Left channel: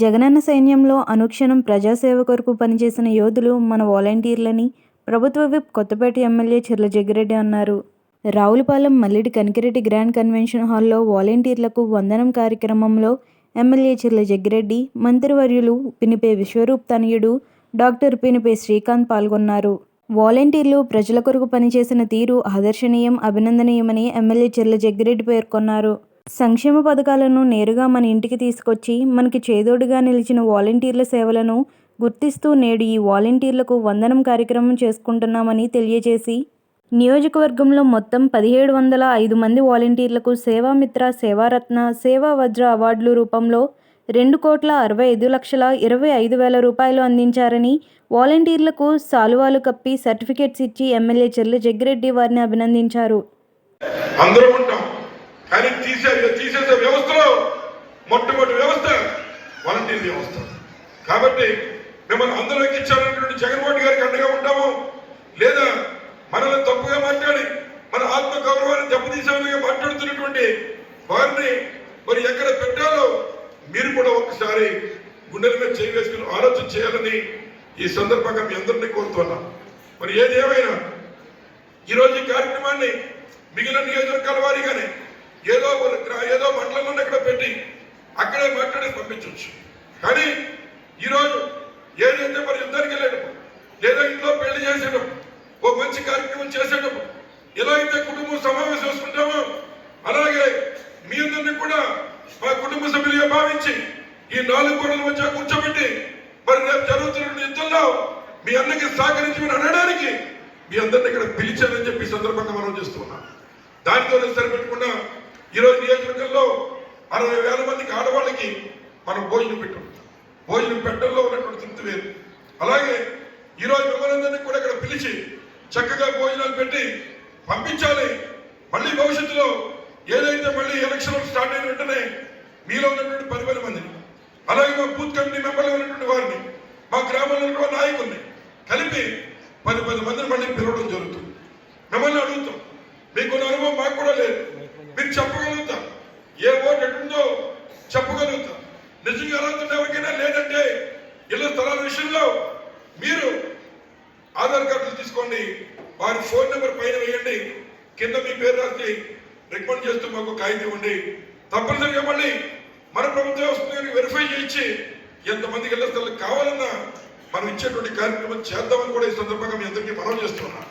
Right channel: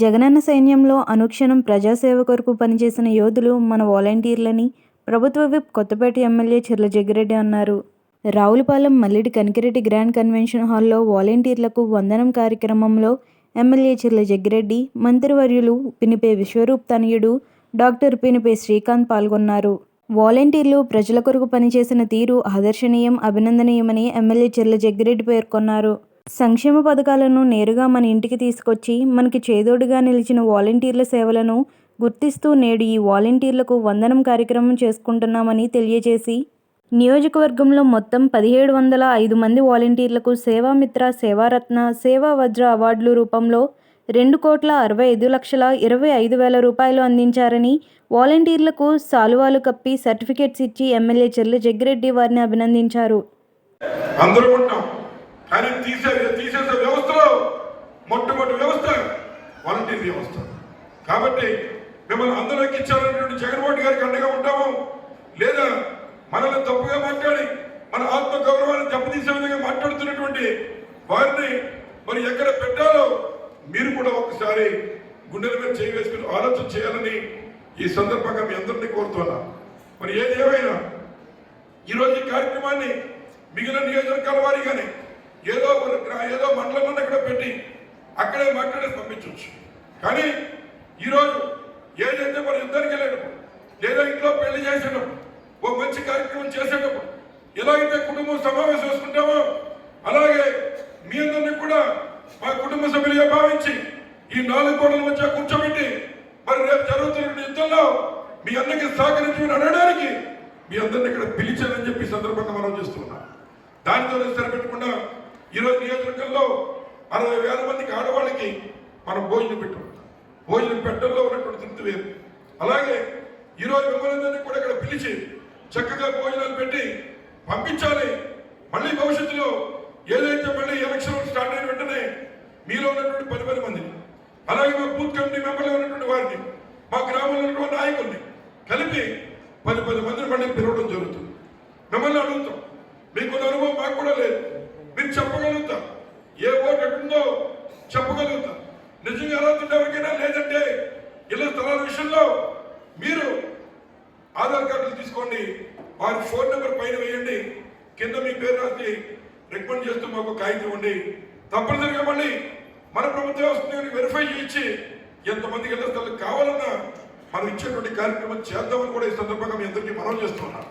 జగనన్న సైన్యంలో అనుక్షణం ప్రజాసేవ కొరకు పనిచేసిన యోధులు మన వాలంటీర్లని ప్రభుత్వ విప్ కొత్తపేట ఎమ్మెల్యే చిర్ల జగ్గిరెడ్డి అన్నారు. రావులపాలెం మల్లిడి కనికిరెడ్డి గ్రాండ్ కన్వెన్షన్ హాల్లో వాలంటీర్లకు వందనం కార్యక్రమంలో ఎమ్మెల్యే చిర్ల జగ్గిరెడ్డి మంత్రివర్యులు పినిపే విశ్వరూప్ తనయుడు డాక్టర్ పినిపే శ్రీకాంత్ పాల్గొన్నారు. వాలంటీర్లు ప్రజల కొరకు పనిచేసిన తీరు ఆదర్శనీయం అభినందనీయమని ఎమ్మెల్యే చిర్ల జగ్గిరెడ్డి పేర్కొన్నారు. సంక్షేమ పథకాలను నేరుగా మన ఇంటికి తీసుకొచ్చి మనకి చేదోడుగా నిలిచిన వాలంటీర్ల సేవలను గుర్తిస్తూ నేడు ఈ వాలంటీర్లకు వందనం కార్యక్రమం చేసుకుంటున్నామని తెలియజేసి నియోజకవర్గంలో మొత్తం పదిహేడు వందల ఐదు మంది వాలంటీర్లకు సేవామిత్ర సేవారత్న సేవా వజ్ర అవార్డుల రూపంలో రెండు కోట్ల అరవై ఐదు లక్షల ఇరవై ఐదు వేల రూపాయలు అందించారని వాలంటీర్లకు సాలువాలు కప్పి సర్టిఫికేట్స్ ఇచ్చి ఎమ్మెల్యే చెల్లి జగ్గిరెడ్డి వారిని అభినందించారు. అందరూ ఉంటాం. కానీ తీసే తీసేసే వ్యవస్థలో మొట్టమొదటి వ్యవస్థ వాలంటీర్ వ్యవస్థ. కాబట్టి మిమ్మల్ని అందులోకి ఇచ్చారన్నటువంటి జగన్మోహన్ గారికి అండగా ఉంటాము. లేదా మనల్ని తప్పుగా మాట్లాడి మన ఆత్మ గౌరవాన్ని దెబ్బతీసే విధంగా మాట్లాడుతున్నటువంటి వారిని మరి ఎక్కడ పెట్టాలో మీరు కూడా ఒకసారి గుండెల మీద చేయి వేసుకుని ఆలోచన చేయాలని ఈ సందర్భంగా మీ అందరినీ కోరుతున్నాం. మరి ఏది ఏమైనా ఈరోజు ఈ కార్యక్రమాన్ని మిగిలిన నియోజకవర్గాల కానీ ఏదో ఒక ఏదో మండలంలో అక్కడ పెట్టి అక్కడే మాట్లాడి పంపించవచ్చు కానీ ఈరోజు ఏదైతే మరి యుద్ధానికి వెళ్ళేటప్పుడు లేదా ఇంట్లో పెళ్ళి చేసేటప్పుడు ఓ మంచి కార్యక్రమం చేసేటప్పుడు ఎలా అయితే కుటుంబం సమావేశం చేసుకుంటామో అలాగే మీ అందరినీ కూడా మా కుటుంబ సభ్యులుగా భావించి ఈ నాలుగు గోడల మధ్య కూర్చోబెట్టి మరి రేపు జరుగుతున్న యుద్ధంలో మీ అన్నకి సహకరించమని అనడానికి మీ అందరిని ఇక్కడ పిలిచారని చెప్పి సందర్భంగా మనం చేస్తున్నాం దానితో సరిపెట్టకుండా ఈరోజు నియోజకవర్గంలో అరవై వేల మందికి ఆడవాళ్ళకి మనం భోజనం పెట్టాం. భోజనం పెట్టడంలో ఉన్నటువంటి తృప్తి వేరు. అలాగే ఈరోజు మిమ్మల్ని కూడా ఇక్కడ పిలిచి చక్కగా భోజనాలు పెట్టి పంపించాలి. మళ్ళీ భవిష్యత్తులో ఏదైతే మళ్ళీ ఎలక్షన్ స్టార్ట్ అయిన వెంటనే మీలో ఉన్నటువంటి పది పది మందిని అలాగే మా బూత్ కమిటీ మెంబర్లో ఉన్నటువంటి వారిని మా గ్రామంలో ఉన్నటువంటి నాయకుల్ని కలిపి పది పది మందిని మళ్ళీ పిలవడం జరుగుతుంది. మిమ్మల్ని అడుగుతాం. మీకున్న అనుభవం మాకు కూడా లేదు. మీరు చెప్ప చెప్పగలుగుతాం. నిజంగా అర్హత ఎవరికైనా లేదంటే ఇల్లు స్థలాల విషయంలో మీరు ఆధార్ కార్డులు తీసుకోండి. వారి ఫోన్ నెంబర్ పైన వేయండి. కింద మీ పేరు రాసి రికమెండ్ చేస్తూ మాకు కాగితం ఇవ్వండి. తప్పనిసరిగా మళ్ళీ మన ప్రభుత్వం వస్తుంది వెరిఫై చేయించి ఎంతమందికి ఇళ్ళ స్థలాలు కావాలన్నా మనం ఇచ్చేటువంటి కార్యక్రమం చేద్దామని కూడా ఈ సందర్భంగా మీ అందరికీ మనం చేస్తున్నాం